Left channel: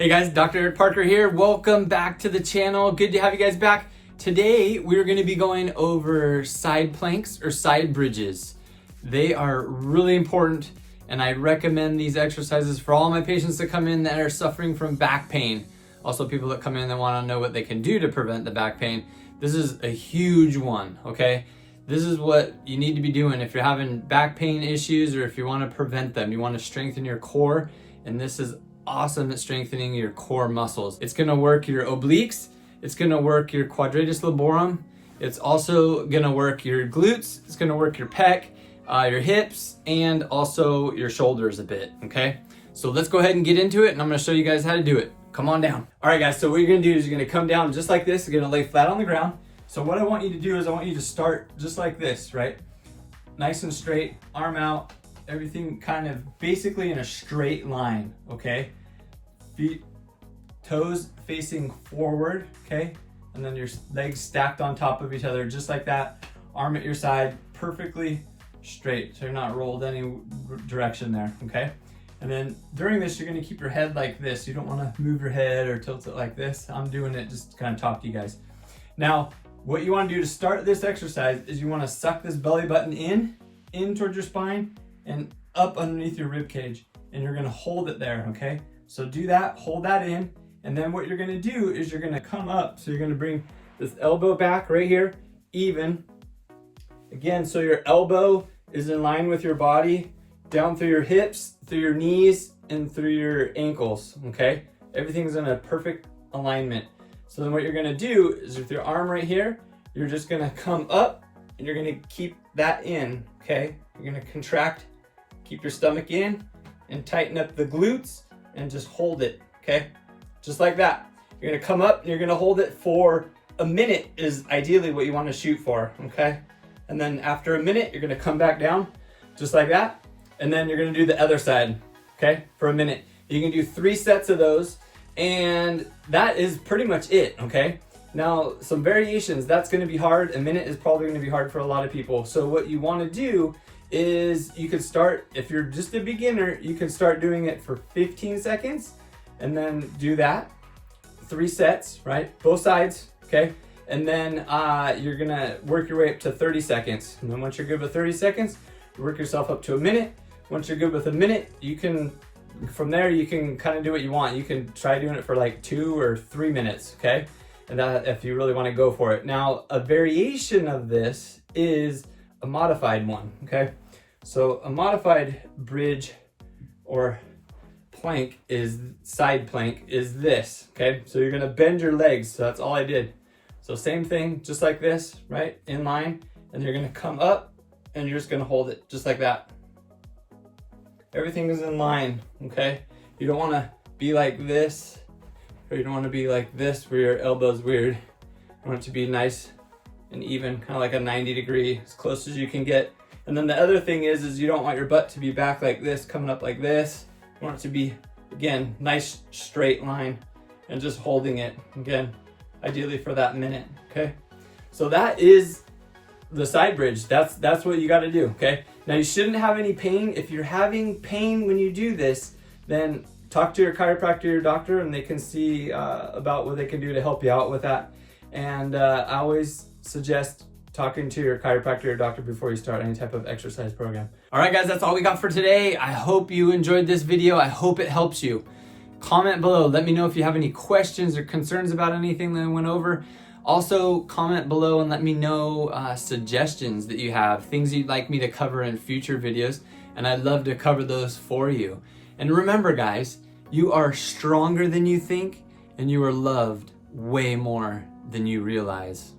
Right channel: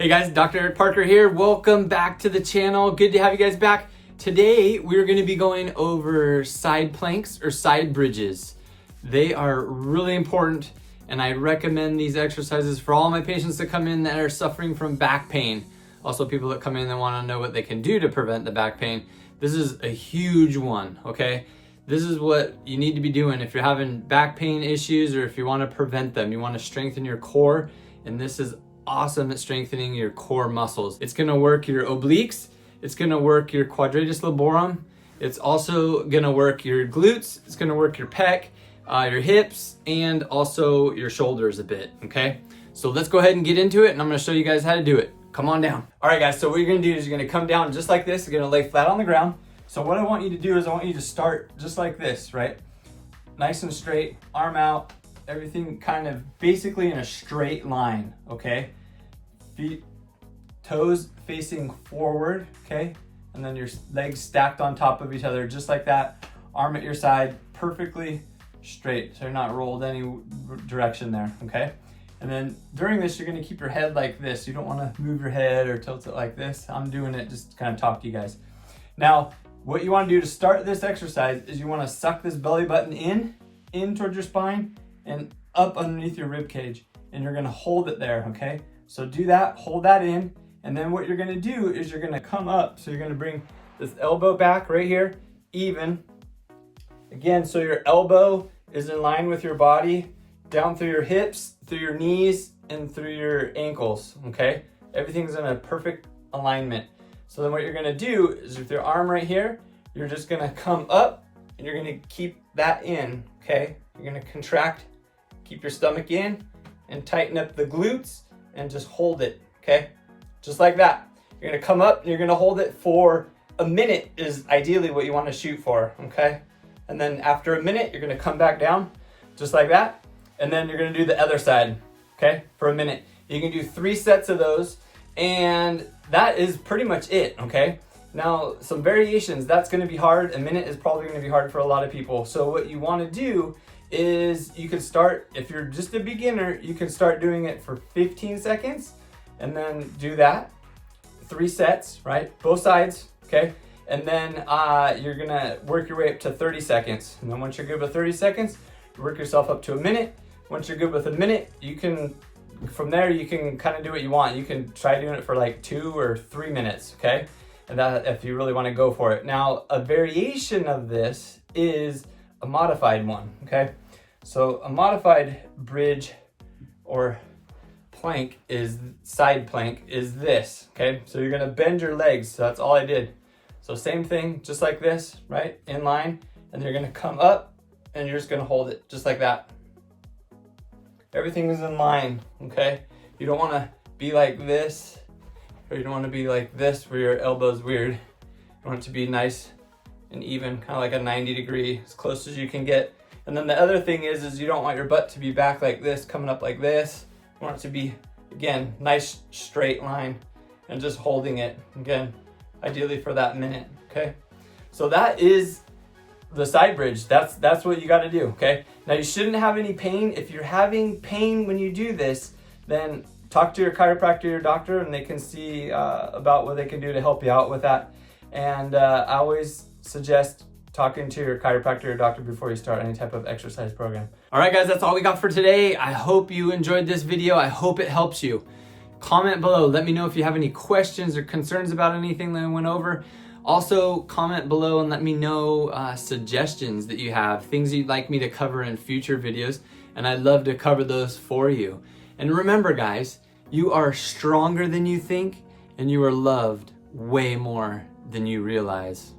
Hey guys, Dr. Eric Parker here. Welcome back to the channel. Good to have you guys back. Today, we're gonna be going over side planks or side bridges. They are really important, and I recommend these exercises for all my patients that come in that are suffering from back pain. Also, people that come in and wanna know what they can do to prevent the back pain. This is a huge one, okay? This is what you need to be doing if you're having back pain issues or if you wanna prevent them. You wanna strengthen your core, and this is awesome at strengthening your core muscles. It's gonna work your obliques, it's gonna work your quadratus lumborum, it's also gonna work your glutes, it's gonna work your pec, your hips, and also your shoulders a bit, okay? So let's go ahead and get into it, and I'm gonna show you guys how to do it. Come on down. All right guys, so what you're gonna do is you're gonna come down just like this, you're gonna lay flat on the ground. So what I want you to do is I want you to start just like this, right? Nice and straight, arm out, everything kind of basically in a straight line, okay? Feet, toes facing forward, okay? And then your legs stacked on top of each other, just like that. Arm at your side, perfectly straight, so you're not rolled any direction there, okay? And then during this, you're gonna keep your head like this. You don't wanna move your head or tilt it like this. I'm doing it just to kind of talk to you guys. Now, what you wanna do to start this exercise is you wanna suck this belly button in towards your spine and up underneath your rib cage. And you're gonna hold it there, okay? So do that, hold that in, and then what you're gonna do is you're gonna come up. So you're gonna bring this elbow back right here, even. Again, so your elbow is in line with your body, down through your hips, through your knees, and through your ankles, okay? Everything's in a perfect alignment. So then what you're gonna do is with your arm right here, you're just gonna come up and you're gonna keep that in, okay? You're gonna contract, keep your stomach in, and tighten up the glutes, and just hold it, okay? Just like that. You're gonna come up and you're gonna hold it for a minute is ideally what you wanna shoot for, okay? And then after a minute, you're gonna come back down, just like that. And then you're gonna do the other side, okay? For a minute. You can do 3 sets of those, and that is pretty much it, okay? Now, some variations, that's gonna be hard. A minute is probably gonna be hard for a lot of people. So what you wanna do is you could start, if you're just a beginner, you can start doing it for 15 seconds and then do that. 3 sets, right? Both sides, okay? And then you're gonna work your way up to 30 seconds. And then once you're good with 30 seconds, you work yourself up to a minute. Once you're good with a minute, you can, from there, you can kind of do what you want. You can try doing it for like 2 or 3 minutes, okay? And that if you really wanna go for it. Now, a variation of this is a modified one, okay? So a modified bridge or plank is, side plank is this, okay? So you're gonna bend your legs, so that's all I did. So same thing, just like this, right? In line, and you're gonna come up and you're just gonna hold it, just like that. Everything is in line, okay? You don't wanna be like this, or you don't wanna be like this where your elbow's weird. You want it to be nice and even, kind of like a 90 degree, as close as you can get. And then the other thing is you don't want your butt to be back like this, coming up like this. You want it to be, again, nice straight line and just holding it, again, ideally for that minute, okay? So that is the side bridge. That's what you gotta do, okay? Now you shouldn't have any pain. If you're having pain when you do this, then talk to your chiropractor, your doctor, and they can see about what they can do to help you out with that. And I always suggest talking to your chiropractor or doctor before you start any type of exercise program. All right, guys, that's all we got for today. I hope you enjoyed this video. I hope it helps you. Comment below. Let me know if you have any questions or concerns about anything that I went over. Also, comment below and let me know suggestions that you have, things you'd like me to cover in future videos, and I'd love to cover those for you. And remember, guys, you are stronger than you think, and you are loved way more than you realize.